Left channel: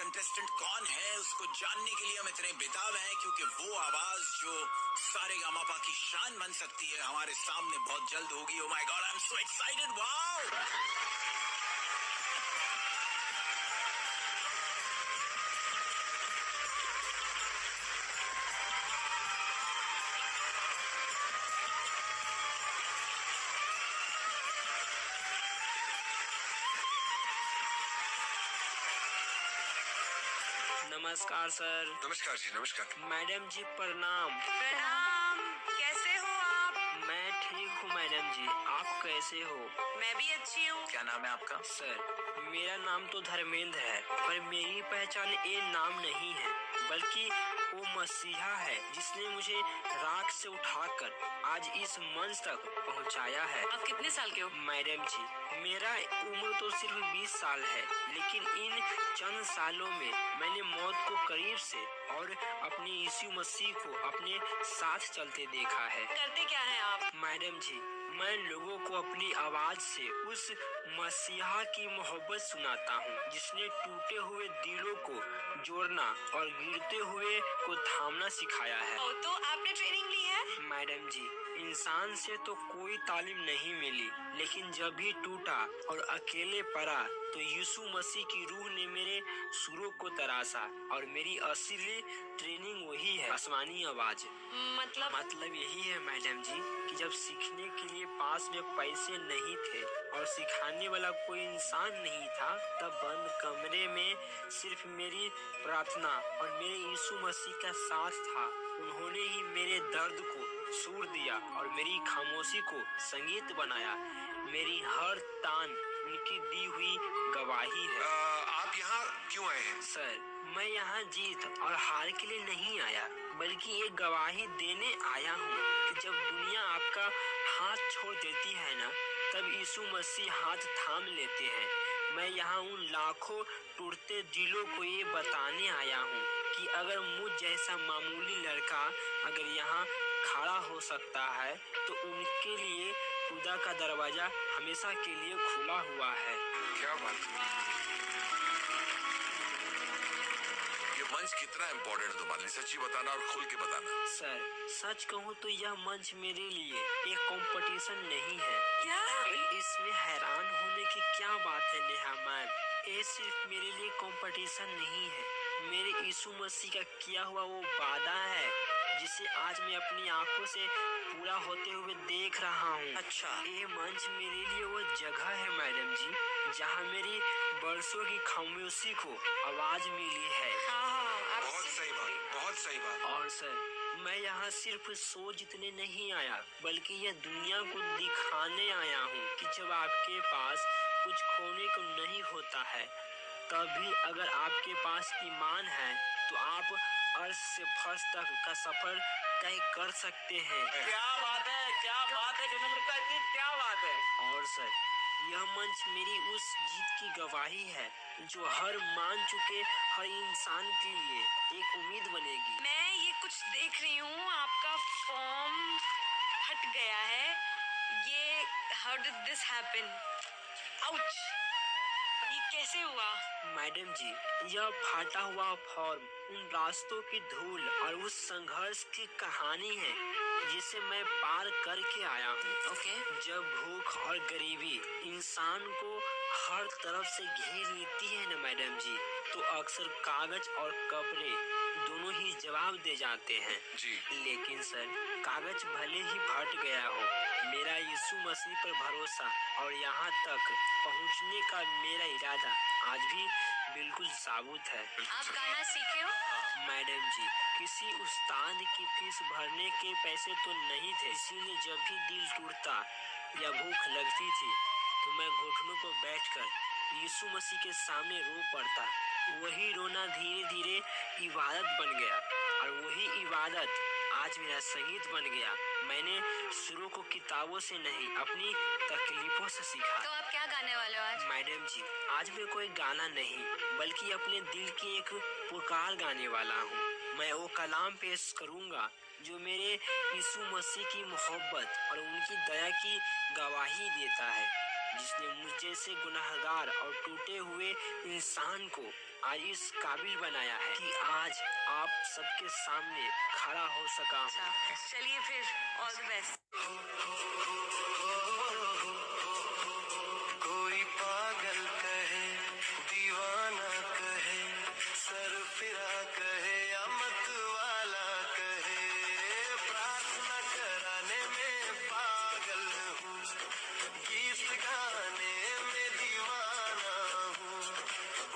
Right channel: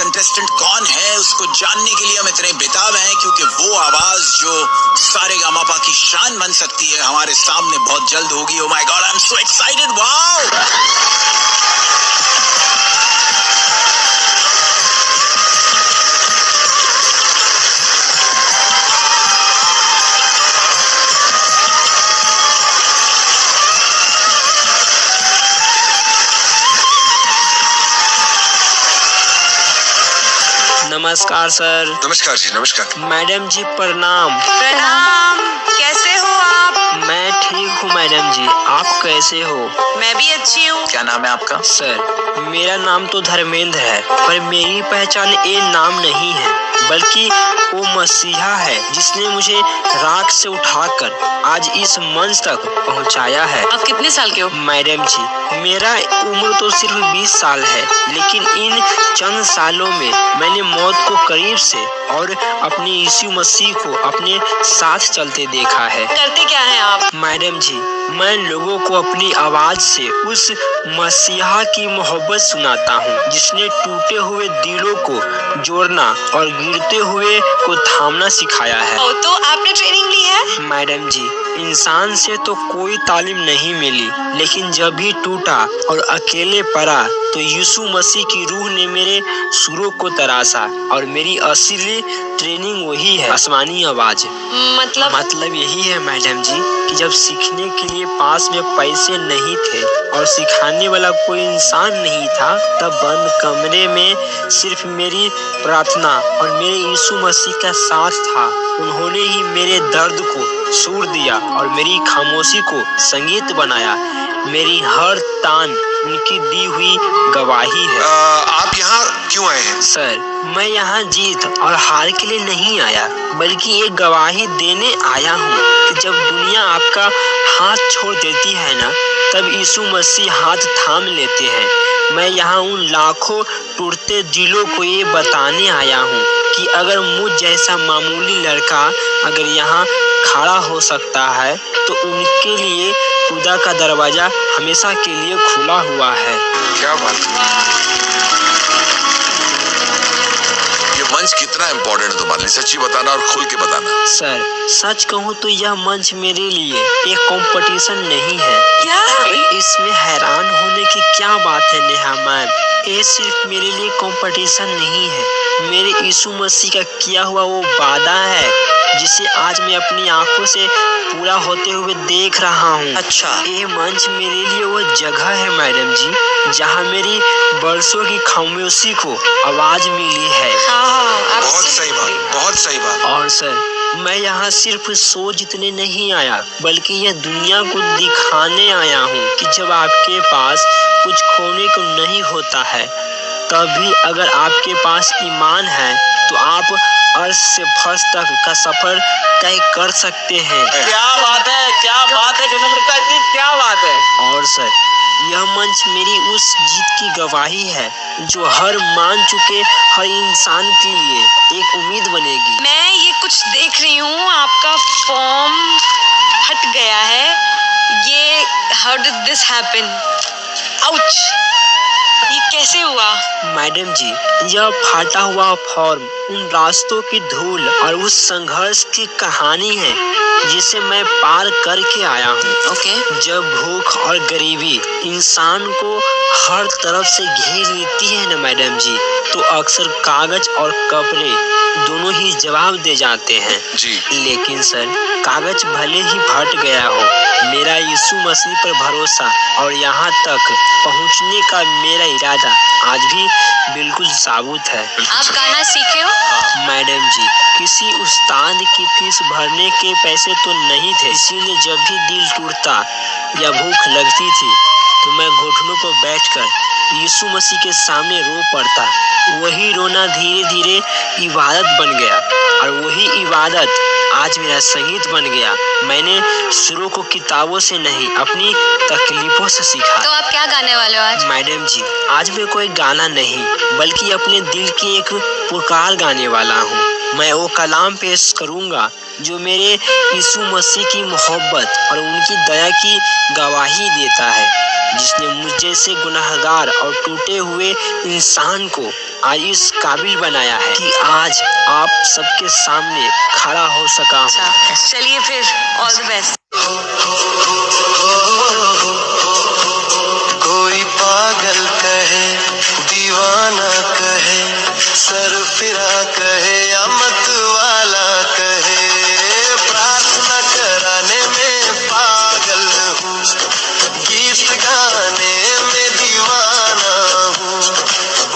Contestant कौन है उसको जानने के लिए हम इतने बेताब हैं, क्योंकि वो आवाज जो सारेगामापा की शान बन सकती है हमारे सामने बहुत जल्द होगी। Oh my God, I am so excited, wow. नमस्कार सर। नमस्कार जी, नमस्कार। मैडम जी प्रणाम। प्रणाम, कैसे हो आप? मैं ठीक हूँ मैडम जी, आप कैसे हो? मैं भी अच्छी हूँ। क्या नाम है आपका? सर मेरा नाम तो धर्मेंद्र है, पर मेरी पहचान ये नाम नहीं है, बल्कि वो मसीहा है जिसने मुझे राख से उठाकर आज इस मंच तक पहुंचाया है। आप कितने साल के हो? मैडम जी मेरा उम्र तो सिर्फ 20 साल है, लेकिन इन चंद सालों में मैंने मौत को करीब से और अपने यीशु मसीह को अपने साथ चलते देखा है। करते क्या हैं आप? मैडम जी मैं लोगों को अपनी आवाज से उस मसीहा की मोहब्बत सुनाता हूँ जिसने टूटे हुए दिलों को जोड़ना और गिरते हुए को थामना सिखाया है। तो आपने ट्रेनिंग ली है? मैडम जी इंसान से तो कोई तालीम नहीं मिली, लेकिन जब भी टूटा और अकेले पड़ा तो यीशु मसीह की रूह ने मेरे सुरों को तराशा और मेरी असली ट्रेनिंग वही है, आसमानी आवाज। मतलब यही है मैडम जी कि जब सीखने के लिए पास में पैसे नहीं थे और सिखाने वाला कोई इंसान नहीं था, तब बंद कमरे में सिर्फ मेरी प्रार्थना और मेरे यीशु मसीह का साथ था। उन्होंने ही मेरे दर्द को सुर दिया और मेरी खामोशी को संगीत बनाया। मेरी हर तान उनकी दी हुई गवाही है। आप यहाँ क्यों आए हैं? सर मैं यहाँ जीत और हार के लिए नहीं आया, बल्कि एक गवाही देने आया हूँ कि जब दुनिया आपका हाथ छोड़ देती है ना, तब यीशु मसीह हाथ थाम लेते हैं। मैं यहाँ उन लाखों टूटते दिलों को ये बताने आया हूँ कि अगर मुझ जैसा मामूली लड़का अगर यहाँ खड़ा हो सकता है, तो उनके लिए खुदा का दरवाजा हमेशा के लिए खुला हुआ है। क्या बात है। ये मंच कितना इम्पोर्टेंट है तुम्हारे लिए, सच्ची बताना और खुल के बताना। सर सच कहूँ तो यह मंच मेरे लिए एक कंपटीशन नहीं है। क्या? इसमें हैरान होने की क्या बात है नेहा मैम, ये सिर्फ मेरे लिए कंपटीशन नहीं है, मेरे यीशु मसीह का किया हुआ वो वादा है जिसे आज मैं अपनी आंखों से पूरा होते हुए देख रहा हूँ। अच्छा। ये मंच मेरे लिए वो जगह है मैडम जी जहाँ मेरी बरसों की खामोशी को आवाज मिली है। बहुत सही बात, बहुत सही बात। और सर मैं यहाँ सिर्फ सो जीतने नहीं आया, बल्कि यह दुनिया को दिखाने आया हूँ कि जब आपके पास कुछ खोने को नहीं होता है, तब भी अगर आपके पास ईमान है तो आप अर्श से फर्श तक का सफर तय कर सकते हैं। क्या बात है, क्या बात है विनम्रता जी, क्या बात है। और सर यह मंच मेरी उस जीत की गवाही है जो हर मान चुके हर इंसान के लिए एक उम्मीद बनेगी। मैं ये कुछ देख रही हूँ, आपका फॉर्म हट गया है। ये how did this happen? Ouch, ये कैसे हुआ? मैडम जी यह फाटा हुआ फॉर्म उन रास्तों की धूल और उस संघर्ष की कहानी है जिसे मैं पार करके आया हूँ। ओके। जब भूख और गरीबी इंसान को हर तरफ से घेर लेती है ना मैडम जी, तो अक्सर कागज और कपड़े दोनों ही जवाब दे जाते हैं जी। लेकिन सर कागज भले ही फट गया हो, मेरा यीशु मसीह पर भरोसा और यहाँ तक पहुँचने का मेरा इरादा आज भी बिल्कुल साबुत है। आप गाना सीखे हो? मैडम जी किसी उस्ताद की फीस भरने के पैसे तो नहीं थे, इसीलिए जब भी दिल टूटता या भूख लगती थी तो मैं घुटनों पर बैठकर यीशु मसीह के सामने रो पड़ता। वही रोना धीरे धीरे इबादत बन गया और वही इबादत आज मेरा संगीत बन गया। मैंने सुरों को किताबों से नहीं अपनी तकलीफों से सीखा। तो आप क्या गाने वाले हो आज? मैडम जी आज मैं कोई गाना नहीं बल्कि अपने दिल की एक पुकार गाने वाला हूँ। मैं वो कलाम पेश करूंगा जो मेरे यीशु मसीह की मोहब्बत और उनकी दया की गवाही देता है, जिसने मुझ जैसे गुनाहगार और टूटे हुए इंसान को आज इस काबिल बनाया है कि आज आप सबके सामने खड़ा हो सका हूँ। चलिए फिर, ऑल द बेस्ट। कोई पागल कहे, दीवाना कहे, सरफिरा कहे या मत वाला कहे, प्रार्थना कराने में पागल हूँ, गीत गाने में दीवाना हूँ,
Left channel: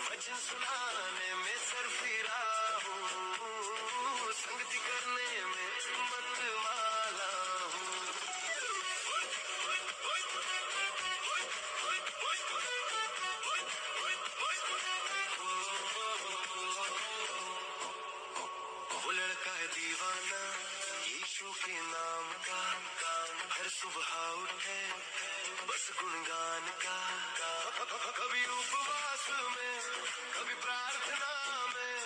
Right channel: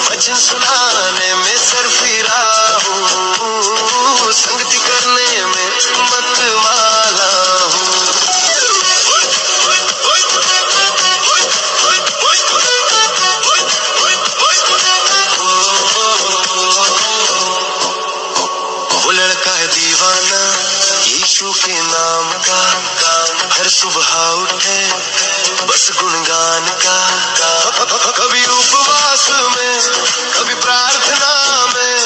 वचन सुनाने में सरफिरा हूँ, संगति करने में मत वाला हूँ। वो लड़का है दीवाना यीशु के नाम का, हर सुबह उठे बस गुणगान का, कभी उपवास में कभी प्रार्थना में,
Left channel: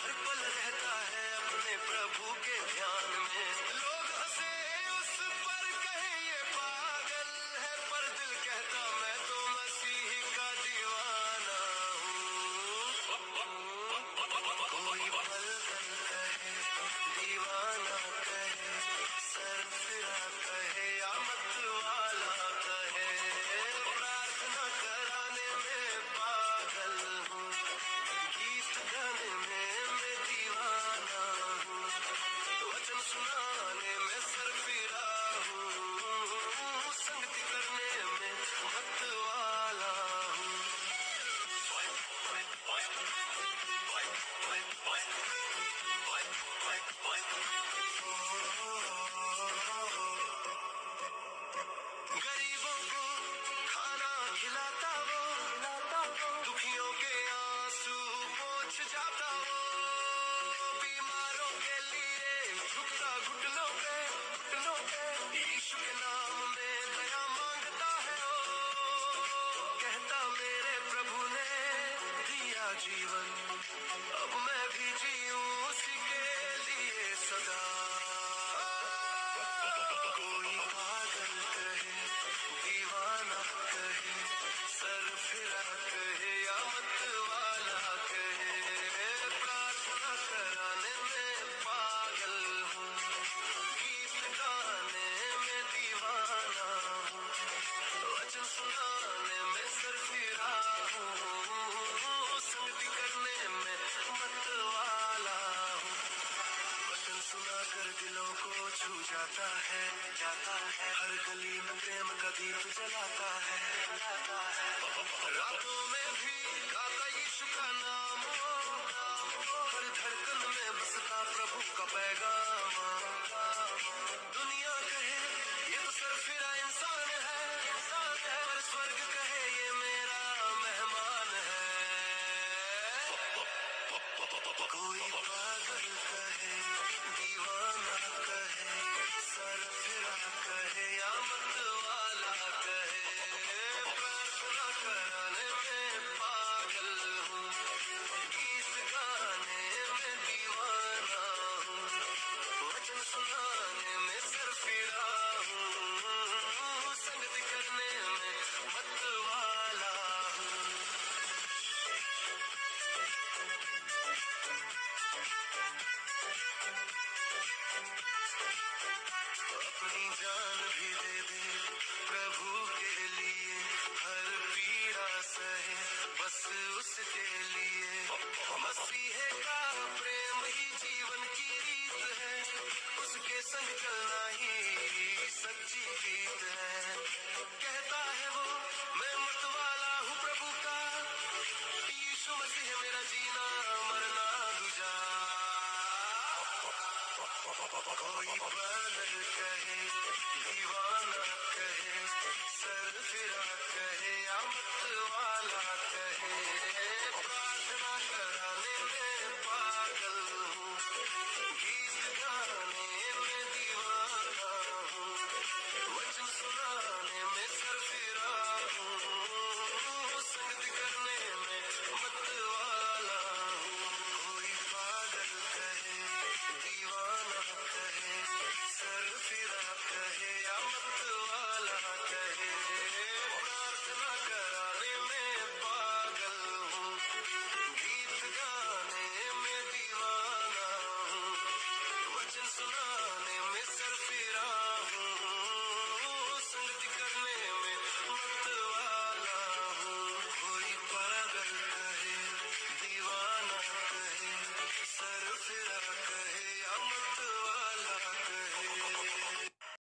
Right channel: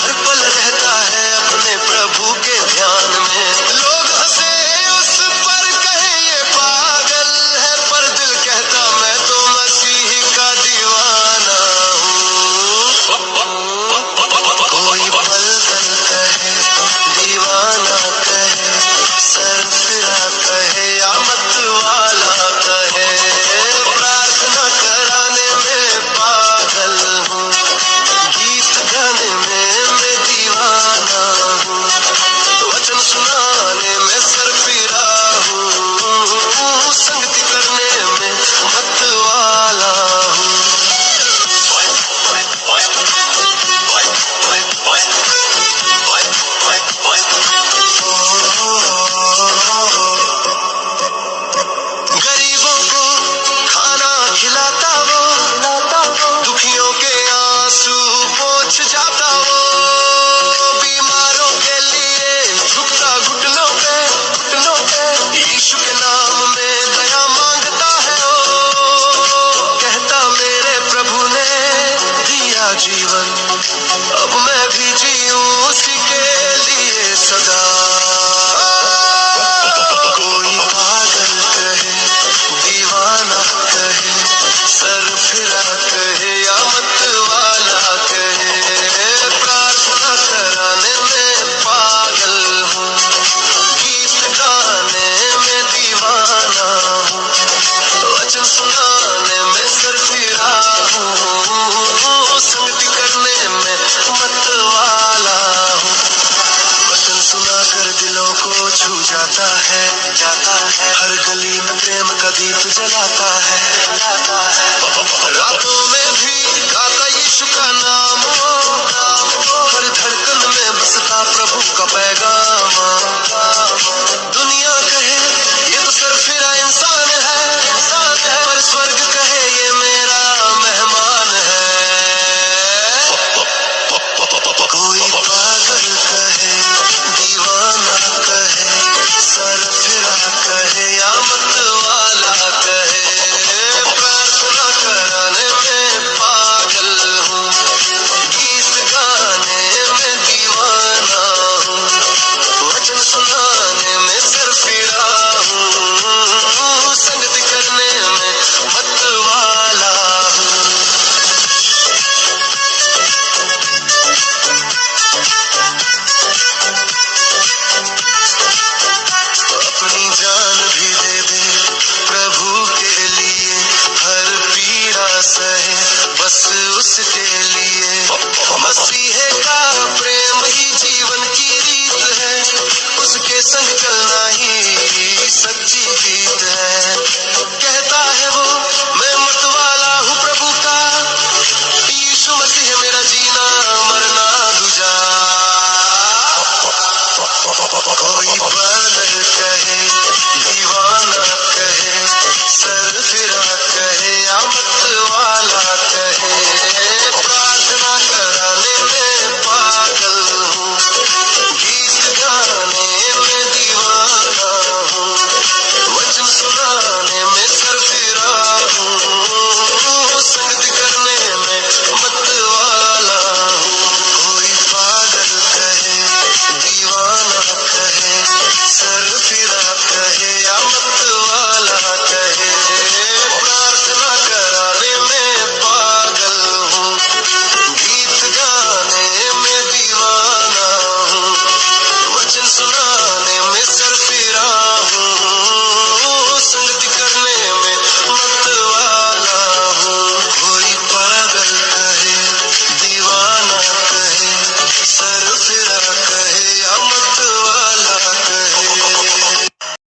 हर पल रहता है अपने प्रभु के ध्यान में। लोग हंसे उस पर, कहे ये पागल है, पर दिल कहता मैं तो मसीह का दीवाना हूँ। कोई पलटन कहे, दीवाना कहे, सरफिरा कहे या मत वाला कहे, प्रार्थना कराने में पागल हूँ, गीत गाने में मैं दीवाना हूँ, वचन सुनाने में सरफिरा हूँ, संगति करने में मत वाला हूँ। गरीबों को खाना खिलाता वो, दुखियों के आंसू पोंछ जाता वो, बीमारों के लिए झुकता घुटनों पे, यीशु के नाम में दया मांगता है वो, कहता मेरे प्रभु ने दिया जीवन, अब मैं भी जीऊं उसी के लिए सदा। कोई पागल कहे, दीवाना कहे, सरफिरा कहे या मत वाला कहे, प्रार्थना कराने में पागल हूँ, गीत गाने में दीवाना हूँ, वचन सुनाने में सरफिरा हूँ, संगति करने में मत वाला हूँ। वचन सुनाकर दिलों को छू जाता है, हर गली में प्रेम का दीप जलाता है, रातों में भी गाता यीशु का नाम, हर धड़कन में बसता प्रभु का पैगाम। दुनिया कहे ये तो सरफिरा इंसान है, पर स्वर्ग कहे ये मेरा मेहमान है। कोई पागल कहे, दीवाना कहे, सरफिरा कहे या मत वाला कहे, प्रार्थना कराने में पागल हूँ, गीत गाने में दीवाना हूँ, वचन सुनाने में सरफिरा हूँ, संगति करने में मत वाला हूँ। अपनी जान भी दे दे प्रभु के लिए, हर पीड़ा सहे बस उसके लिए, मसीह का प्रेम ही जीवन की रीत है, उसके संग चलना ही सच्ची जीत